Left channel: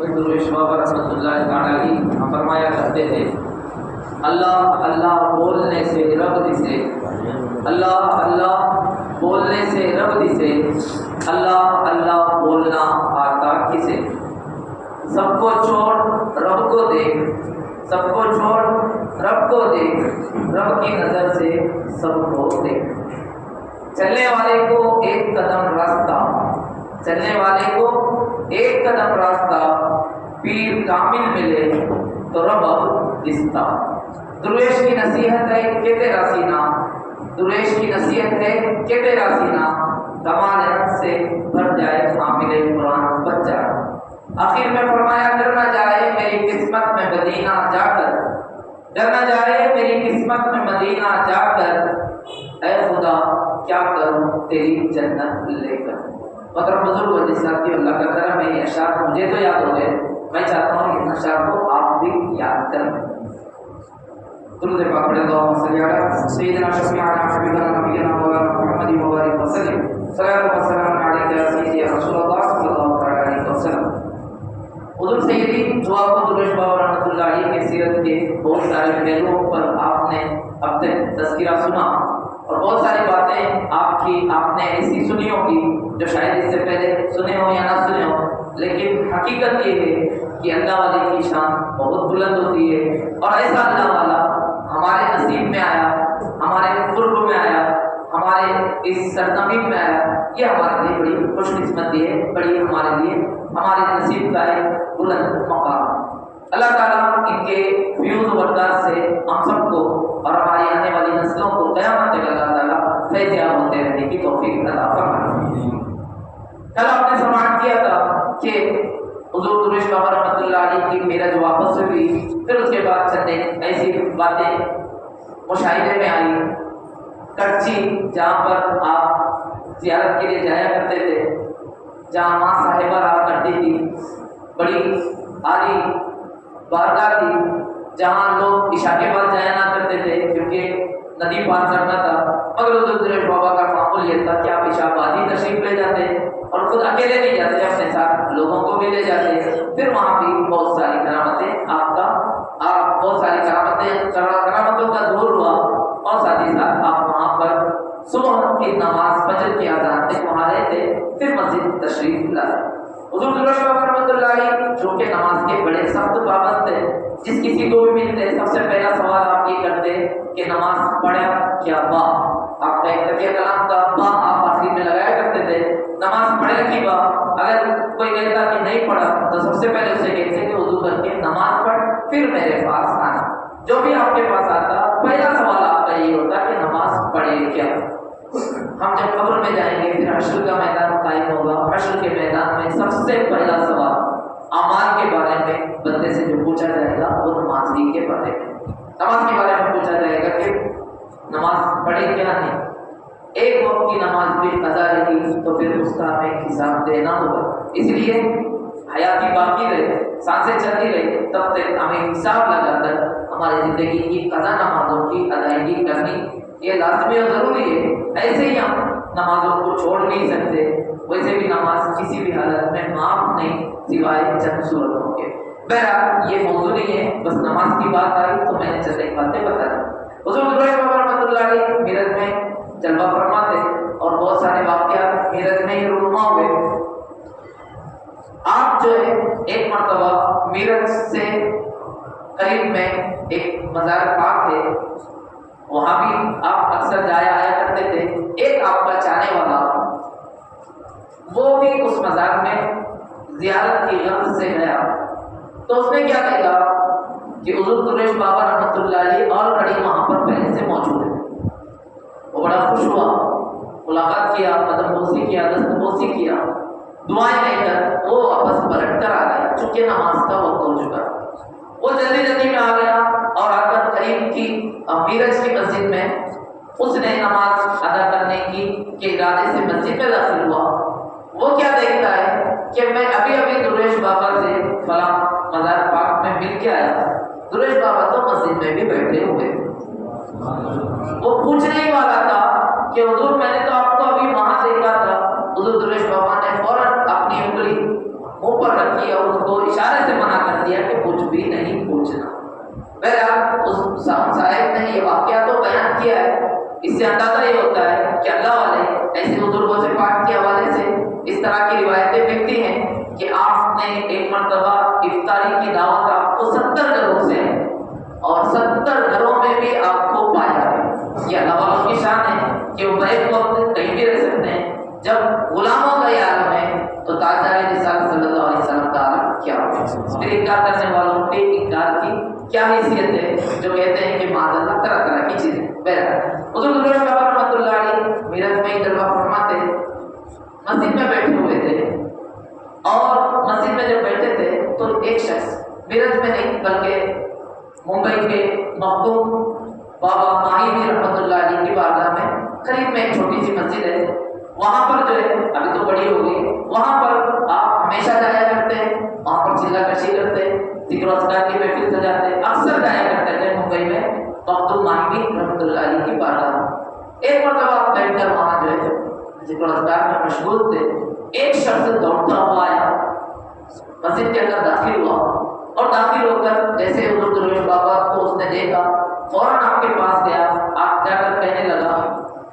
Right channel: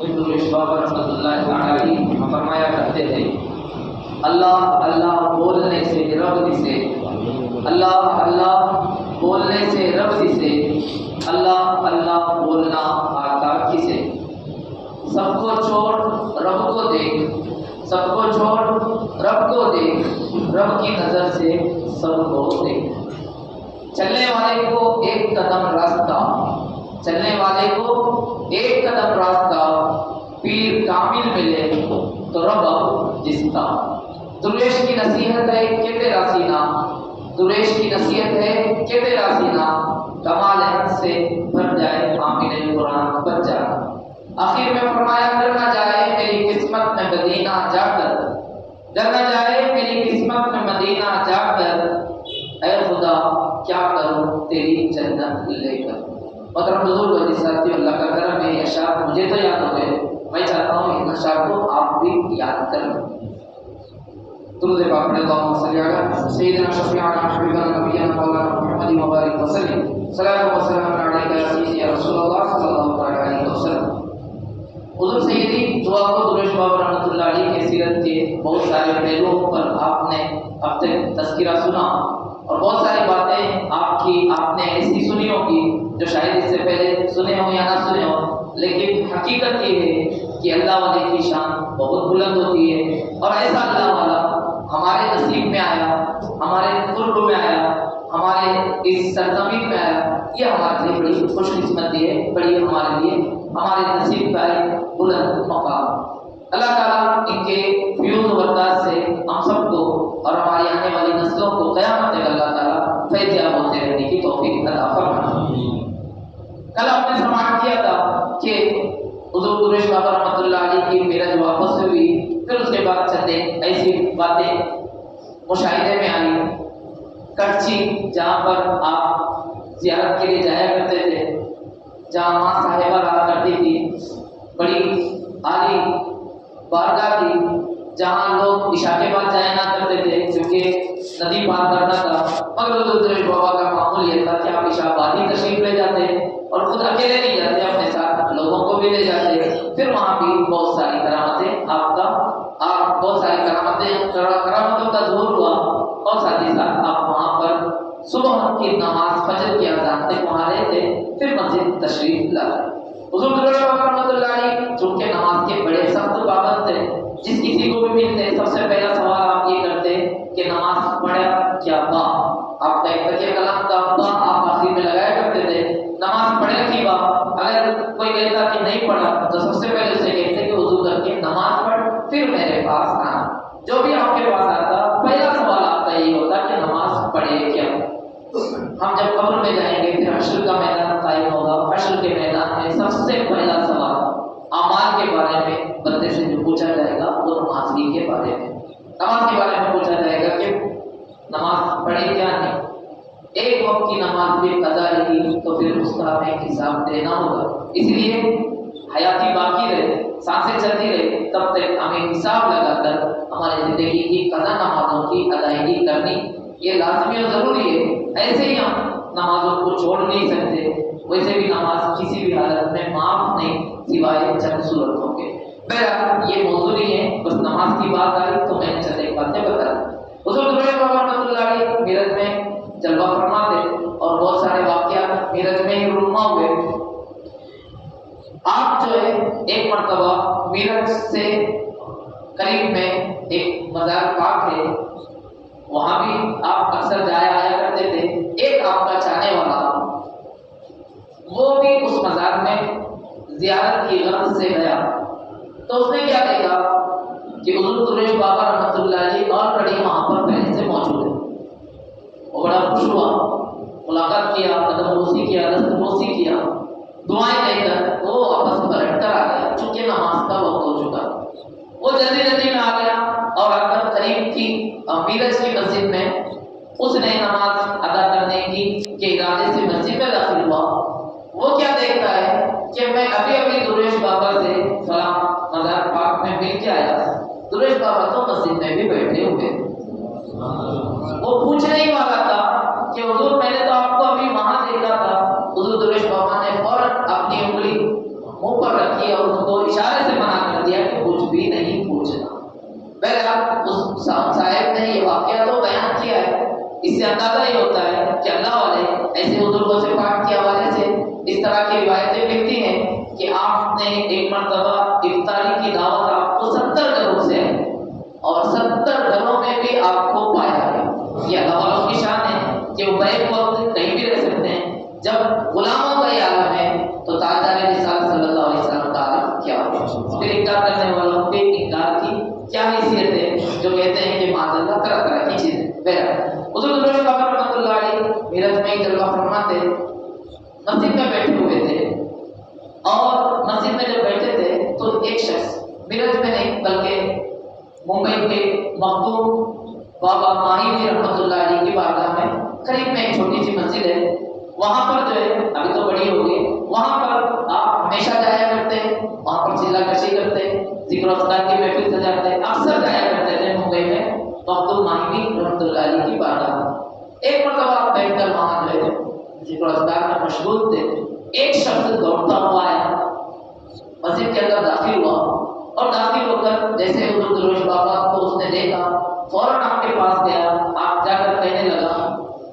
رحمۃ اللہ علیہ فرمایا کرتے تھے، اللہ اللہ بولنے سے رب دسے، اللہ اللہ بولنے سے رب دسے، اللہ اللہ بولنا آتا کسے، سب کو چھوڑ رب کو دیکھ، سب کو چھوڑ رب کو دیکھ، رب کی نظر سے سب کو دیکھ، چلنے والے کو ایک قدم راستہ، چلنے والے کو ایک قدم راستہ، پیر کامل ملے تو رب دستا، درویش کی نصیحت ہے کہ تیرا سینہ، درویش کی نصیحت ہے کہ تیرا سینہ کمال حق سے بھر جائے، حامل قرآن بچ جائے۔ آخر میں فرمایا گر نہ جائے میری قسمت میں مدینہ جا کر، گر نہ جائے میری قسمت میں مدینہ جا کر، اے خدا کیا کروں تیری جنت لے کر۔ محترم بزرگ و ساتھی، اللہ کا کرم ہے، یہ اشعار مجھے تو یاد ہو گئے، میں چاہتا ہوں ان اشعار کو آپ بھی یاد کریں۔ درود پاک پڑھیں، اللہم صلی علی سیدنا شفیعنا حبیبنا نبینا مولانا محمد مبارک وسلم، صلاۃ و سلام علیک یا سیدی یا رسول اللہ صلی اللہ علیہ وسلم۔ حضور سیدی جو آپ کو درود بابا رحمۃ اللہ علیہ کے سیرت کے بہت سارے پہلوؤں پر آپ نے اب تک تذکرہ سنا، اور بہت ساری باتیں آپ نے ایسی سنی ہوگی جو شاید اس سے پہلے سنے ہو یا نہ سنے ہو، لیکن حقیقت یہ ہے کہ اللہ والے کی شان بہت بلند ہوتی ہے، اور ایسا اللہ والا ہمارے نصیب میں آیا، ہمارے قرب میں آیا، ہمارے اس سرزمین میں آیا، یہ ہمارے لیے بڑی خوش قسمتی ہے، بڑی ہمارے لیے ہمارے نصیب کا ایک بلند مقام۔ اللہ تعالیٰ ان کے فیوز و برکات سے ہم سب کو اور ہماری آنے والی نسلوں کو قیامت تک اللہ تعالیٰ فیضیاب ہوتے رہنے کی توفیق عطا فرمائے۔ کل آپ نے سماعت کیا تھا کہ حضور درویش بابا رحمۃ اللہ علیہ کی معراج واپس سے ہوئی، پھر اس کے بعد چند ایسی باتیں مشاہدے میں آئی۔ کڑچی جہاں پر آپ زیارت کے لیے جایا کرتے تھے، جہاں ماں صاحبہ رہا کرتی تھی، بڑی عالی بارگاہ تھی جہاں لوگ عشاء کے بعد جایا نہ کرتے تھے کیونکہ ندی پار کرنا تھا، مگر حضور درویش بابا کا معمول یہ تھا کہ آپ عشاء بعد ہی تشریف لے جاتے اور خود اکیلے نہیں جاتے، اپنے ساتھ لوگوں کو بھی لے جاتے، پھر وہاں بھی بہت ساری کرامتیں بہت ساری کرامتوں کا ظہور ہوا، اور ساتھ ہی ساتھ آپ وہاں پر صبح کی نماز فجر کی اذان تک وہاں رہے تھے، پھر مسجد تشریف لائے۔ حضور درویش بابا رحمۃ اللہ علیہ جو کہ نماز کے بڑے سخت پابند تھے، جس کسی کو بھی ملتے سب سے پہلا سوال آپ یہ کرتے کہ نماز پڑھا کیا با، آپ کا ایک تکیہ کلام کا با آپ آخر میں لگایا کرتے تھے، نماز پڑھے کی با۔ اگر کوئی کہتا کہ نہیں پڑھا تو سب سے پہلے اسے کہتے کہ حضور کر کے نماز پڑھ پھر میرے پاس آنا۔ جو بھی آپ کے پاس آتا پہلا سوال آپ کا یہ ہوتا کہ نماز پڑھے کیا۔ ہم جب قبر میں جائیں گے پھر حشر کا میدان قائم ہوگا، حشر کے میدان میں سب سے پہلا سوال اعمال کے بارے میں بندے سے جو پوچھا جائے گا وہ نمازی کے بارے میں، نماز کے بارے میں پوچھا جائے گا کہ نماز پڑھی کیا نہیں۔ ایک وقت کی نماز بھی قضا رہی تو پھر اس کا ہمیں حساب دینا ہوگا، اس لیے حیاتی باقی رہے، سانسیں چلتی رہے، تب تک ہمیں حساب لگا کر ہماری زندگی کی قضا نمازوں کی ادائیگی کرنی یہ لازمی اور ضروری ہے۔ ایسے ہی ہم نمازوں کو چھوڑ نہیں سکتے، ویسے بھی نماز کسی بھی حالت میں معاف نہیں سوائے چند صورتوں کے۔ بہرحال یہ موضوع نہیں ہے، بس نماز کی بات آئی تو میں نے چند ایک باتیں بتائی۔ حضور درویش بابا رحمۃ اللہ علیہ میرج میں جلوہ فرما تھے اور بہت سارے واقعات میرج میں ہی رونما ہوئے۔ آپ جو ہے ایک مرتبہ میرج سے قریب میں ایک مزار پاک ہے، وہاں بھی آپ اکثر جایا آیا کرتے تھے۔ ایک آپ کا چاہنے والا وہ بھی اس مزار میں زیارت کی غرض سے گیا، تو اس نے کیا دیکھا کہ حضور درویش بابا رحمۃ اللہ علیہ آلریڈی وہاں پر پہلے سے موجود ہے۔ وہ بڑا خوش ہوا، ملاقات کیا، قدم بوسی کیا، دست بوسی کیا، دعائیں دے کر وہ واپس پلٹ کر آ گیا، چونکہ نماز کا وقت ہو چکا۔ وہ جلدی جلدی میں آ گیا اور آ کر قریب کی میرج کی مسجد میں اس نے نماز ادا کرنے کے ارادے سے مسجد میں داخل ہوا۔ وہ کیا دیکھتا ہے کہ میں ابھی درویش بابا سے فلاں مزار پاک میں مل کے آیا، درویش بابا تو مسجد میں بھی بیٹھے ہوئے۔ وہ پوچھنے ہی والا تھا کہ حضور میں نے تو آپ کو ابھی وہاں دیکھا تھا۔ حضور درویش بابا نے فوراً اپنی انگلی منہ پر رکھی اور اس کو اشارے ایک مرتبہ افطاری کی دعوت آپ کو 70 گھروں سے ہے اور 70 گھروں میں بھی آپ کو پایا ہے. یہ اللہ والوں کی شان ہے کہ وہ ایک وقت کہیں بھی رہ سکتے ہیں. جب غلاموں کا یہ عالم ہے تو تاجدار رسالت صلی اللہ علیہ وسلم کا عالم کیا ہو. پھر انکار کرنے والوں پہ انکار کی کیا حیثیت ہے جو کہتے ہیں کہ معاذ اللہ طرح طرح کی چیزیں. بہرحال حضور درود پاک رحمۃ اللہ علیہ میراج میں جلوہ فرماتے مسجد میں بیٹھے ہوئے تھے اور مسجد میں جب بیٹھے تھے تو ایک شخص میرج میں نہیں بلکہ ممبئی کے مخدوم بابا ماہی بھی رحمۃ اللہ علیہ کی بارگاہ میں قریب میں ایک چھوٹی سی مسجد ہے. وہاں پر جو ہے ابھی تو بڑی ہوگی, وہاں پر آپ ہمیشہ جایا کرتے ہیں, وہاں پر چلا کشی کرتے, ذکر و اذکار کی محفل سجاتے, اکثر جایا کرتے تھے ممبئی میں مخدوم ماہی بھی رحمۃ اللہ علیہ کی بارگاہ میں. ایک مرتبہ آپ بیٹھ کر وہاں جو ہے ذکر و اذکار میں مشغول تھے. ایک شخص دوڑتا ہوا آیا, مسجد کے اندر داخل ہوا اور داخل ہو کر جیسے حضور درویش بابا کو اس نے دیکھا فوراً آپ کے پاس گیا. آپ جا کر کہنے لگا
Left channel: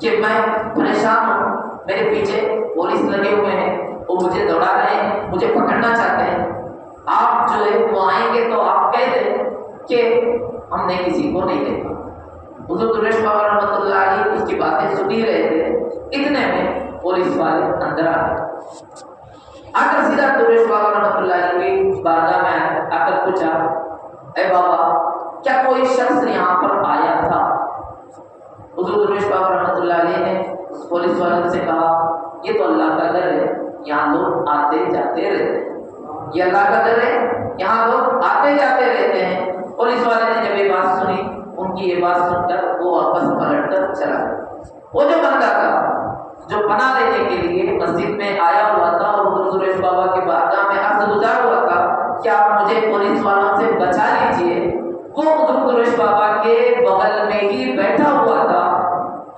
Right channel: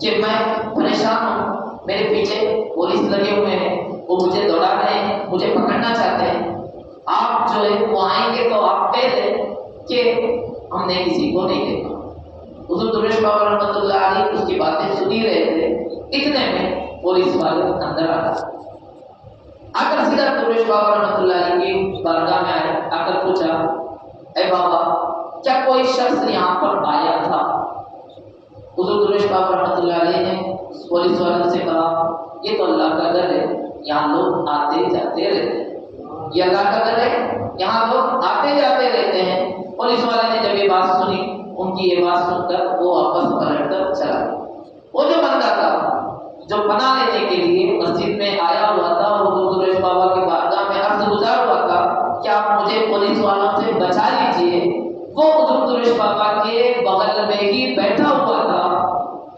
کہ میں پریشان ہوں, میرے پیچھے پولیس لگے ہوئے ہیں, وہ مجھے دوڑا رہے ہیں, مجھے پکڑنا چاہتے ہیں. آپ جو ہے وہ آئیں گے تو آپ کہہ دیں کہ ہم نے کسی کو نہیں دیکھا. حضور درویش بابا رحمۃ اللہ علیہ اس کی باتیں سنی رہے تھے. اتنے میں پولیس والے اندر آ گئے. آ کر سیدھا درویش بابا رحمۃ اللہ علیہ کی بارگاہ میں آئے. آ کر پوچھا اے بابا کیا کوئی شخص یہاں پر آیا تھا؟ حضور درویش بابا رحمۃ اللہ علیہ نے پولیس والوں سے کہا یہ تو اللہ کا گھر ہے, یہاں لوگ آتے جاتے رہتے ہیں. یہ اللہ کا گھر ہے, یہاں لوگ آتے جاتے رہتے ہیں. پولیس والے نے جب یہ بات سنی, ان کی یہ بات سن کر وہ واپس پلٹ کر چلا گیا. وہ جو بندہ تھا جو پناہ لینے کے لیے مسجد میں آیا ہوا تھا اور حضور درویش بابا کی بارگاہ میں عرض گزار ہوا تھا کہ آپ مجھے پولیس والوں سے بچا لیجئے, وہ حضور درویش بابا کے بغل میں ہی بیٹھا ہوا تھا.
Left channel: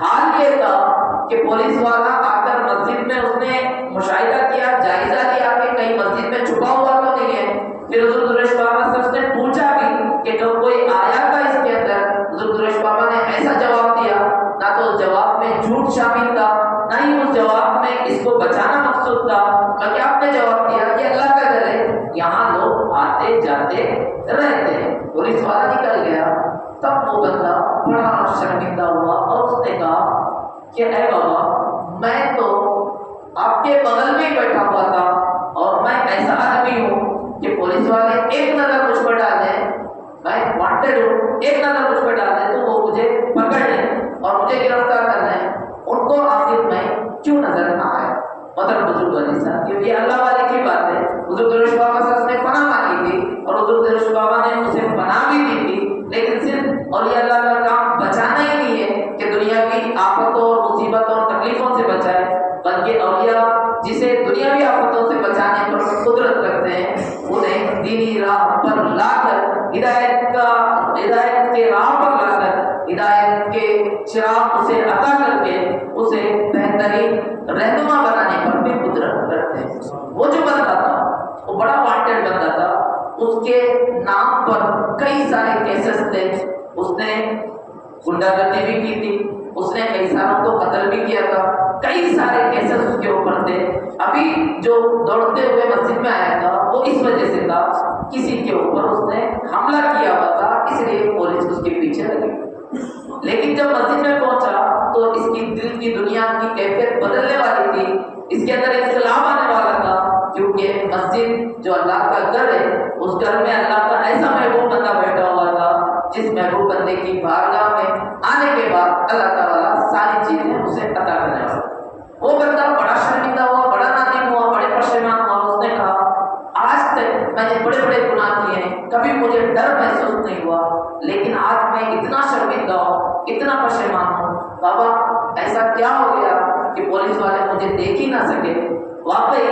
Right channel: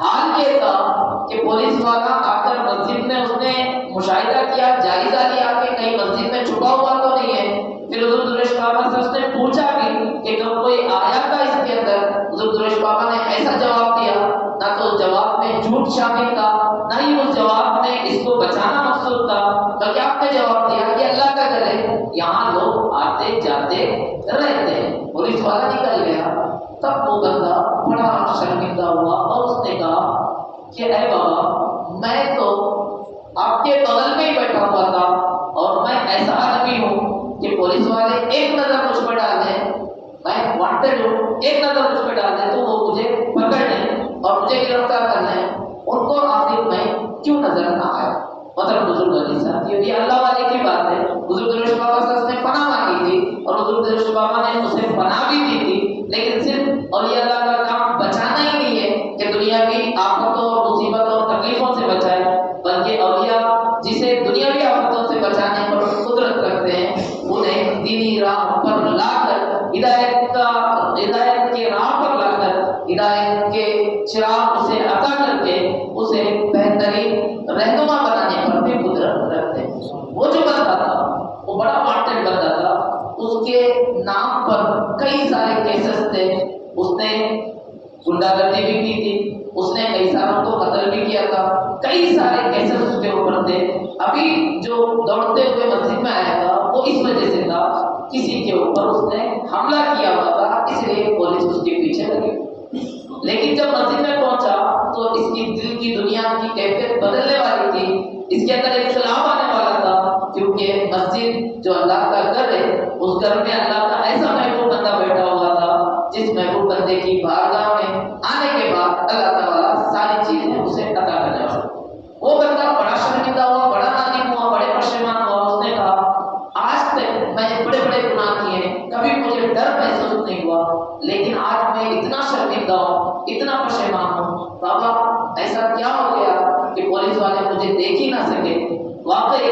حال یہ تھا کہ پولیس والا آ کر مسجد میں اس نے مشاہدہ کیا, جائزہ لیا کہ کہیں مسجد میں چھپا ہوا تو نہیں ہے. پھر حضور درویش بابا سے اس نے پوچھا بھی کہ کب کوئی آیا تھا اس کے اندر. حضور درویش بابا نے ایسا جواب دیا, نہ تو اس جواب میں جھوٹ شامل تھا, نہ ہی اس جواب میں اس کو بچانا مقصود تھا, بلکہ آپ نے جواب دیا کہ اللہ کا گھر ہے, یہاں لوگ آتے جاتے رہتے ہیں. پولیس والا نکل گیا. تب وہ بندہ بڑا شرمندہ ہوا اور اس نے کہا کہ اے بابا میں تو آپ کے بغل میں ہی بیٹھا ہوا تھا اور میں ایسا آدمی ہوں کہ پولیس والے ایک نظر مجھ پر ڈال دیں, میں وانٹڈ ہوں, ایک نظر مجھ پر ڈال دیں تو وہ مجھے پکڑ لیں اور مجھے گرفتار کر لیں. ان کو آخر میں کیوں نظر نہ آیا؟ مطلب بزرگ علی صاحب کیونکہ یہ اللہ والے کی بات ہے. حضور درویش بابا سے اس نے پناہ مانگی تھی اور حضور درویش بابا نے اسے پناہ بھی دی تھی, لیکن صرف اولیاء اللہ کا کام بچانا ہی نہیں ہے کہ دنیا کی آفتوں اور مصیبتوں اور تکلیفوں سے بچائے, بلکہ اولیاء جسے دنیاوی آفتوں سے بچانے پر قدرت رکھتے ہیں انہیں دینی راہ پر لا کر ہدایت کے راہ پر لا کر ہدایت کے چراغ اسے عطا کر کے اسے بہترین رہنما بنانے پر بھی قدرت رکھتے ہیں. وہ جو بندہ تھا وہ بڑا وانٹڈ بندہ تھا. اس کے نام پر کئی سارے کیسز تھے. اس نے گنڈا گردی بھی کی تھی, اس نے کئی ساروں کو قتل بھی کیا تھا, کئی سارے کیسز اس کے اوپر تھے. ابھی جو دوڑتے ہوئے مسجد میں آیا تھا وہ اس وجہ سے تھا کسی کے اوپر اس نے حملہ کیا ہوا تھا, اس لیے پولیس اس کے پیچھے لگی. لیکن جب مسجد میں پہنچا تو اس کی دل کی دنیا کی کیفیت بدلنے والی تھی. اس کے اندر انقلاب آنے والا تھا, کیونکہ مسجد جو اللہ کا گھر ہے اس گھر میں اللہ کا ایسا محبوب بندہ بیٹھا ہوا تھا جس محبوب بندے کی بارگاہ میں آنے کے بعد اللہ تعالیٰ ساری چیزیں اسے عطا کرنے والا. وہ بندہ بڑا شرمندہ ہوا, بڑا نادم ہوا, بڑے پشیمان ہوا. اس نے کہا آج تک میں نے بڑے بڑے گناہ کیے ہیں, کبھی مجھے ڈر محسوس نہیں ہوا, لیکن آج میں اتنا شرمندہ ہوں, اتنا پشیمان ہوں. بابا ایسا کیا ہو گیا کہ پولیس والے مجھے دیکھ ہی نہ سکے؟ واقعی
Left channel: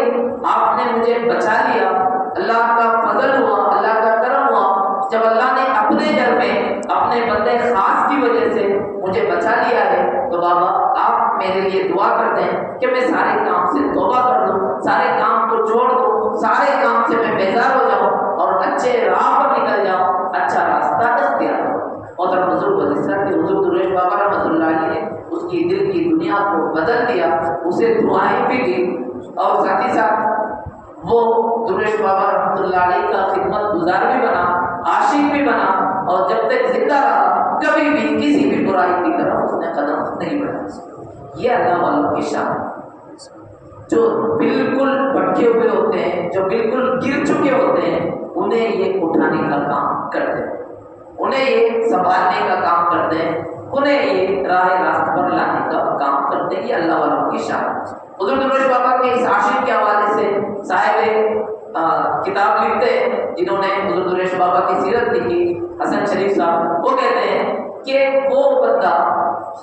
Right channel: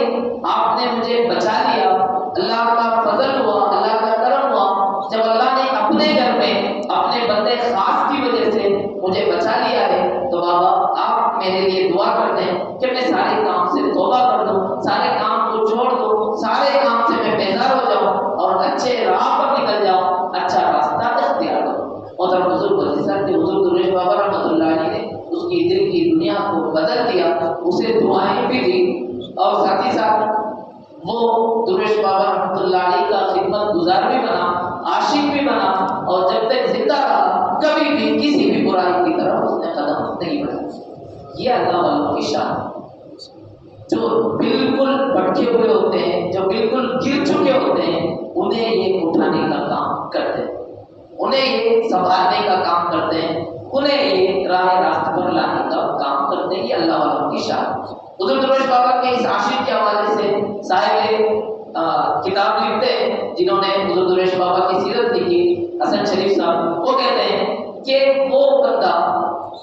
آپ نے مجھے بچا لیا, اللہ کا فضل ہوا, اللہ کا کرم ہوا. جب اللہ نے اپنے گھر میں اپنے بندے خاص کی وجہ سے مجھے بچا لیا ہے تو بابا آپ میرے لیے دعا کر دیں کہ میں سارے کام سے توبہ کر دوں, سارے کام کو چھوڑ دوں, سارے کام سے میں بیزار ہو جاؤں اور اچھے راہ پر نکل جاؤں, اچھا راستہ اختیار کروں. اور بزرگ حضور درویش بابا رحمۃ اللہ علیہ نے اس کی دل کی دنیا کو بدل دیا, اسے دعائیں بھی دی. اور ساتھ ہی ساتھ وہ درویش بابا اللہ علیہ کا خدمت گزار بھی بنا، عاشق بھی بنا، اور جب تک زندہ رہا کبھی بھی کسی بھی برائی کی طرف اس نے قدم نہیں بڑھایا۔ یہ اللہ والوں کی شان، جو بالکل بھٹکے ہوئے ہوتے ہیں، جو بالکل گر چکے ہوتے ہیں، انہیں یہ اٹھانے کا کام کرتے ہیں، انہیں یہ سنبھالنے کا کام کرتے ہیں، انہیں یہ راہ راست پر لانے کا کام کرتے ہیں۔ یہ اللہ والوں کی شان۔ حضور درویش بابا کے اس عاشق کے حوالے سے صاحب کتاب لکھتے ہیں، جنہوں نے حضور درویش بابا کی سیرت لکھی، حسن شریف صاحب، وہ کہتے ہیں کہ وہ بندہ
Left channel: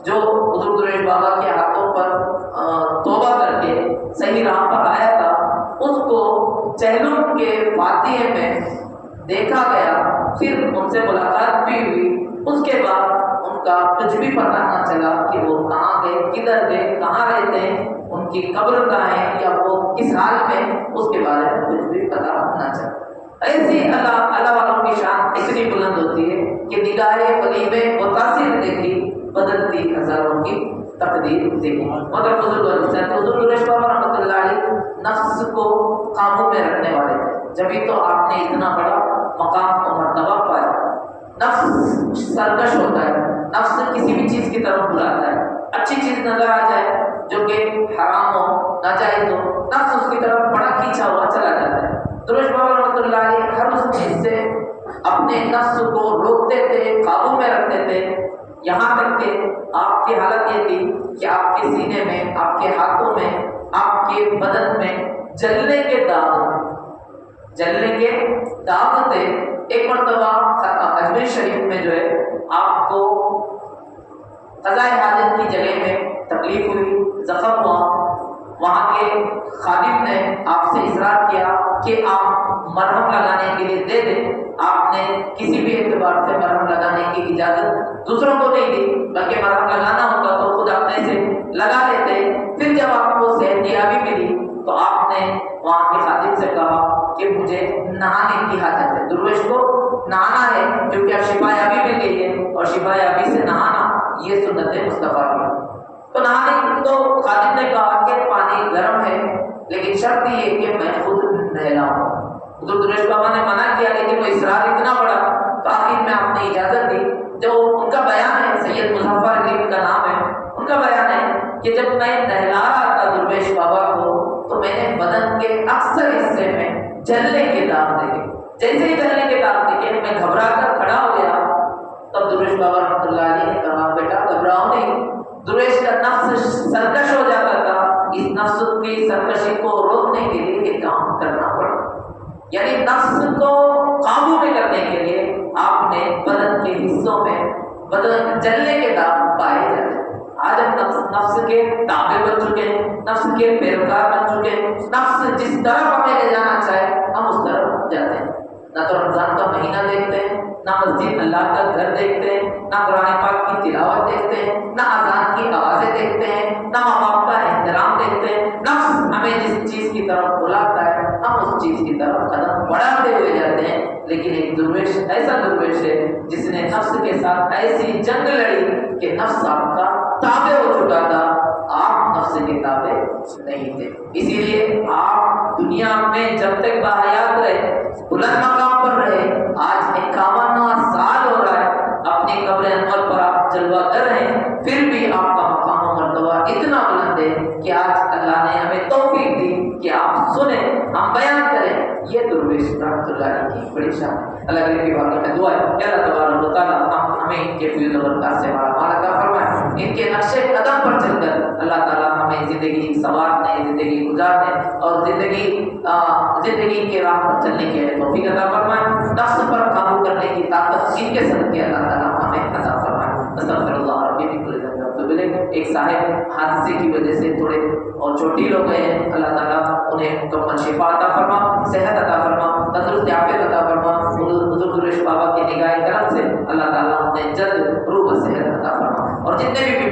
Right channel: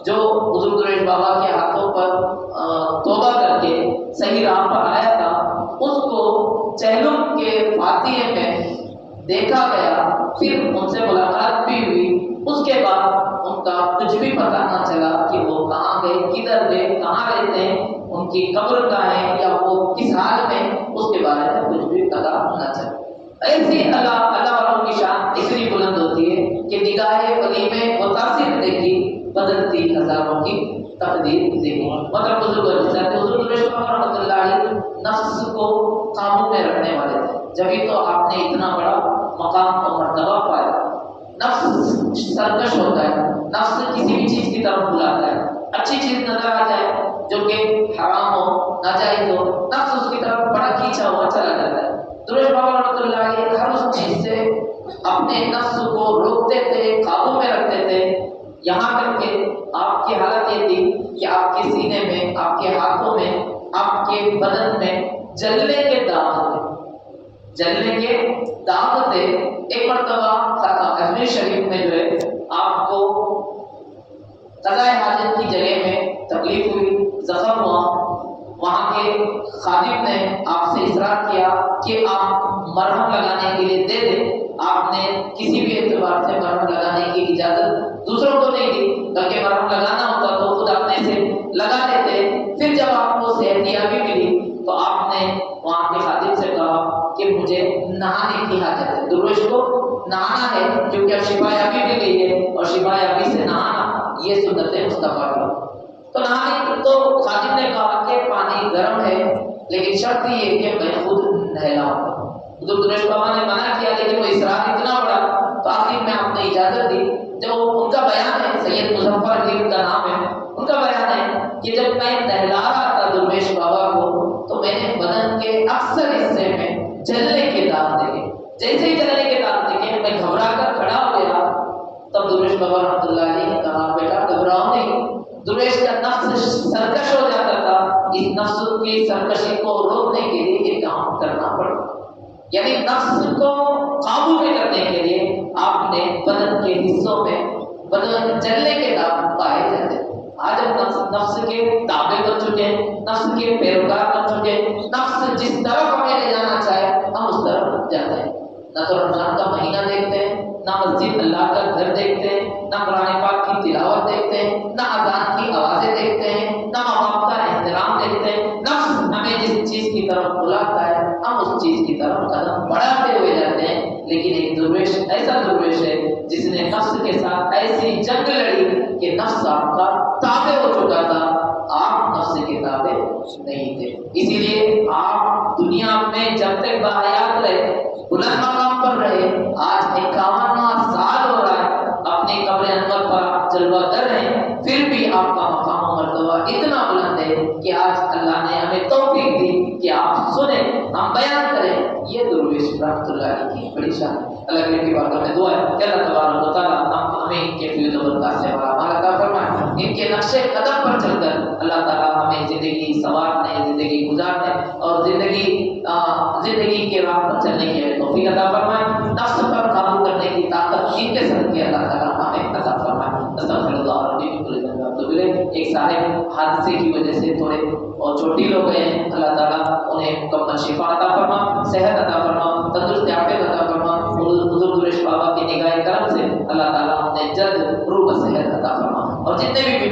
جو حضور درویش بابا کے ہاتھوں پر توبہ کر کے صحیح راہ پر آیا تھا، اس کو چہلم کے فاتحے میں دیکھا گیا، پھر ان سے ملاقات بھی ہوئی، اس کے بعد ان کا کچھ بھی پتہ نہ چلا کہ وہ کہاں گئے، کدھر گئے، کہاں رہتے ہیں، ان کی قبر کہاں ہے، یا وہ کس حال میں، اس کے بارے میں کچھ بھی پتہ نہ چلا۔ ایسی اللہ والوں کی شان اتنی بلند ہوتی ہے کہ نگاہ ولی میں متاثر دیکھی، بدلتی ہزاروں کی تقدیر دیکھی۔ مگر حضور درویش بابا رحمۃ اللہ علیہ نفس کو قابو میں رکھنے والے تھے، جبھی تو آپ نے اتنا بڑا مقام اور مرتبہ پایا۔ نفس سرکش ہوتا ہے، نفس کسی بھی چیز کی طرف بلاتا ہے، اچھی چیز نظر آ جائے جو کہ حرام ہو، ناجائز ہو، نفس اس کی طرف بڑا کھینچا ہوا چلا جاتا ہے۔ درویش بابا رحمۃ اللہ علیہ ہر اس چیز سے اپنے نفس کو روکتے تھے، قابو میں رکھتے تھے، یہاں تک کہ آپ کی حالت یہ تھی کہ آپ کے سینے میں، آپ کے ہاتھوں میں، آپ کے بدن میں جلنے کے داغ تھے، جلنے کے داغ تھے۔ ایک مرتبہ اجمیر شریف میں جو ہے آپ کو قضائے حاجت کی جگہ میں تکلیف ہوئی، زخم ہوا، وہاں کے خادم نے آپ سے اصرار کیا کہ آپ مرہم لگانے کے لیے دے دیں۔ آپ نے کسی بھی اعتبار سے مرہم لگانے کی اجازت دوسروں کو نہیں دی، بلکہ مرہم لگانا ہوتا تو خود اپنے سے لگا لیتے۔ پھر جب آپ کو صحتیابی ملی تو آپ نے وہاں کے خادم سے کہا کہ مجھے نہانے کی حاجت ہے، درویش کو نہانا ہے، کیونکہ شفا یابی مل گئی ہے، اور شفا یابی سے نہانا یہ سنت مصطفیٰ کی۔ تو نہانے تو خادم نے کہا کہ پانی گرم ہے، لیکن شرط یہ کہ میں خود نہلاؤں گا۔ حضور درویش بابا نے منع کیا، لیکن وہ اصرار اتنا بڑا تو آخر میں آپ نے اجازت دی۔ جو ان کا بیان ہے، سید مظفر علی کا نام ہے، ان کا بیان ہے کہ جب میں نہلا رہا تھا درویش بابا کو تو میں نے بدن کے اکثر حصے میں جلنے کے داغ دیکھے، جیسے ہی جلنے کے داغ دیکھے میں گھبرا کر کھڑا ہو گیا۔ تب درویش بابا رحمۃ اللہ علیہ نے کہا بیٹا گھبراؤ نہیں، درویش کا نفس سرکش ہو جاتا تھا، اس نفس کی سرکشی کو روکنے کے لیے یہ کام کرنا پڑا، یعنی نفس کو قابو میں کرنے کے لیے آپ نے بدن کے حصوں میں بدن جلنے کے داغ پائے جاتے ہیں۔ آج ہم نفس کے تابع بن چکے ہیں، نفس کے پیروکار بن چکے ہیں، نفس جس طرف ہمیں لے جانا چاہے ہم اس طرف جاتے ہیں۔ نہ تو رمضان کا مہینہ دیکھتے ہیں، نہ مسجد اللہ کا گھر دیکھتے ہیں، نہ قرآن پاک کی تلاوت دیکھتے ہیں، نہ اذان کی آوازیں دیکھتے ہیں، نہ ماں باپ کا احترام دیکھتے ہیں۔ نفس ہمیں جس چیز کی طرف بلاتا ہے ہم اس چیز کی طرف قدم بڑھاتے ہوئے جاتے ہیں۔ لیکن ایک درویش ایسا درویش ہے جس نے نفس کے ساتھ ایسی جنگ لڑی کہ نفس آپ کا تابع ہو چکا تھا، آپ نفس کے تابع نہیں تھے۔ اسی لیے آپ دنیا میں جب تک باحیات رہے، بلند مقام پر رہے، آج 51واں سال ہو رہا ہے، اپنی قبر انور پر آپ جلوہ کر رہے ہیں، پھر بھی آپ کا مقام و مرتبہ اتنا بلند ہے کہ آج اللہ نے ہمیں توفیق دی کہ آپ سنیں، ہم بیان کریں۔ یہ درویش رحمۃ اللہ علیہ کی بڑی شان ہے۔ اللہ کریم کی بارگاہ میں دعا ہے کہ اللہ تبارک و تعالیٰ ہمیں ان کے فیض و برکات سے مالا مال عطا فرمائے، ان کے نقش قدم پر چل کر اللہ تعالیٰ ہمیں زندگی سنوارنے، زندگی گزارنے اور زندگی کے راہ پر چلنے کے لیے توفیق عطا فرمائے۔ نفس پر قابو کرنے کی طاقت ان کے صدقے اللہ تعالیٰ ہمیں عطا فرمائے۔ استغفر اللہ ربی من کل ذنب واتوب الیہ۔ ایک صاحب حادثے کی وجہ سے تھوڑے اور چوٹی ہو گئے ہیں، اللہ تعالیٰ انہیں مکمل شفا عطا فرما، صحت عطا فرما، تندرست عافیت عطا فرما۔ حضور درویش بابا کی نگاہ کرم سے اللہ تعالیٰ انہیں جلد روح و صحت عطا فرما، اور جتنے بھی